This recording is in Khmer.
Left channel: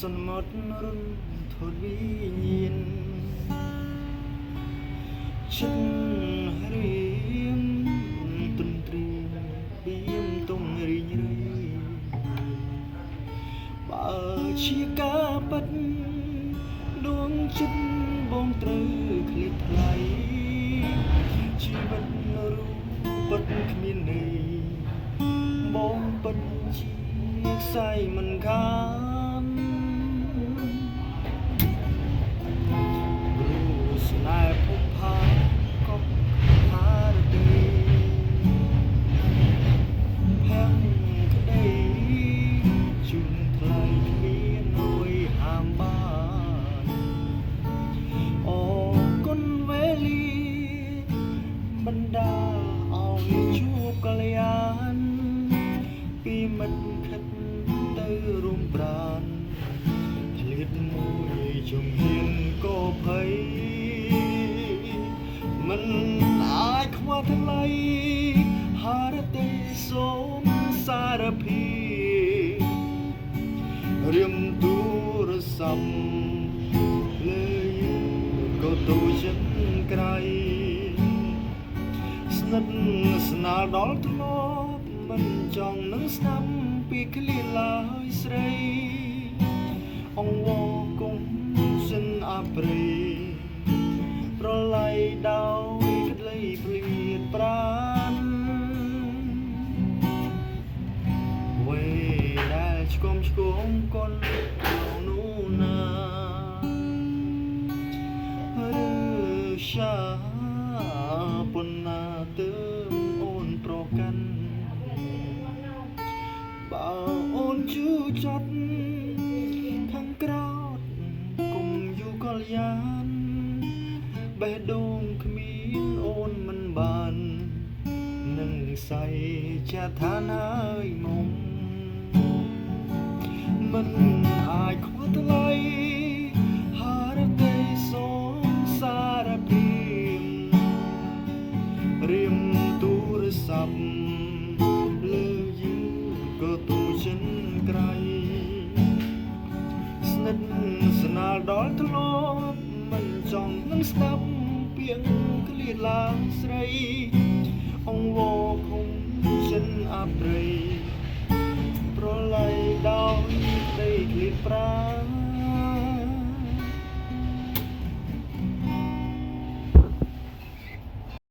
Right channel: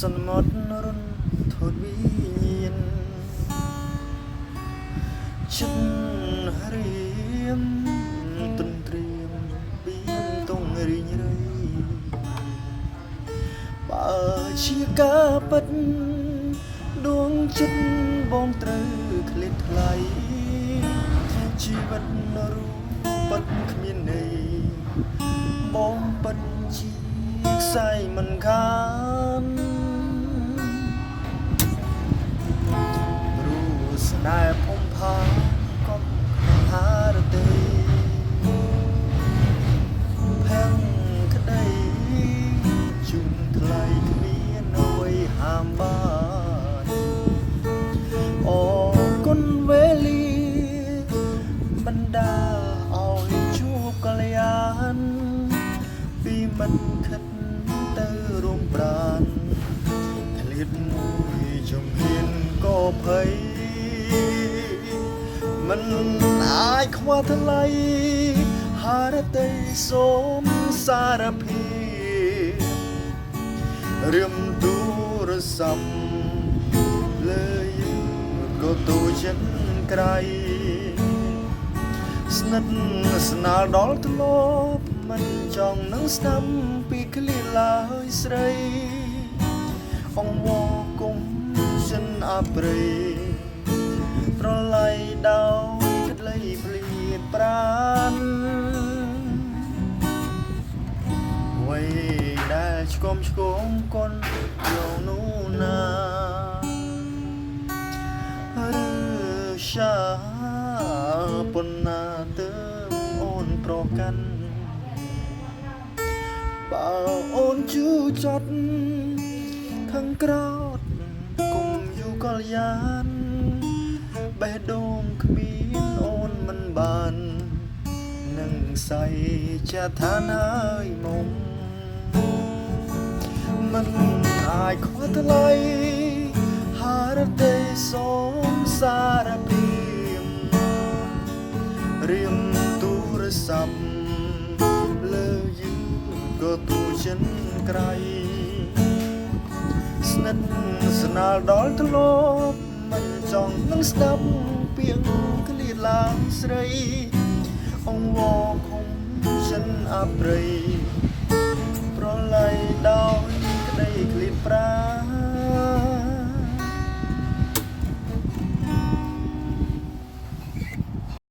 សន្មត់រុនធូតវិនចិនរៀមទន្ទ្រាមបៀមតុងរីងរៃបើជាការពិតដួងចិត្តបងត្រូវឃ្លាតថ្លៃជីវិតរូបពិតគ្មានន័យបងពិតជាខ្សែមិនខានរូស្នេហ៍ភំផាក៏ហារតីផាំងក្តីជុំថ្លៃគ្មានអ្វីហាមបានអរគុណវេលាបណ្ដាឲ្យជួបកល្យានពីមិនខិតទៅរួមប្រានធ្លាតមួយជំហានក៏ភ័យមិនអាចខ្វល់ថ្លៃហារតីសូមសារភាពរៀមទូរស័ព្ទលើក៏ទូចិនក្រៃស្និទ្ធស្នាលដល់ធ្លាប់មិនចង់នឹងស្ដាប់ពីឃ្លាឡើយស្រីអង្វរគុំចិនអប្រិយប្រឡ័យដោយក្ដីភ្លៀតប្រានវ័យដែលឆ្គមកូនយកនោះណាសាប៉ុណ្ណាទើបអូនប្រកាន់បើអូនជឿចត់ខាងក្រោតគុំយូកល្យានបេះដូងគ្មានអូនមិនបាននឹងใส่ជាឋានហើយមុំមិនអាចខ្វល់ថ្លៃហារតីសូមសារភាពរៀមទូរស័ព្ទលើយឺក៏ទូចិនក្រៃស្និទ្ធស្នាលដល់ធ្លាប់មិនចង់នឹងស្ដាប់ពាក្យឃ្លាតឡើងស្រីអង្វរគុំចិនអប្រិយប្រឡ័យដោយក្ដីឃ្លាតប្រា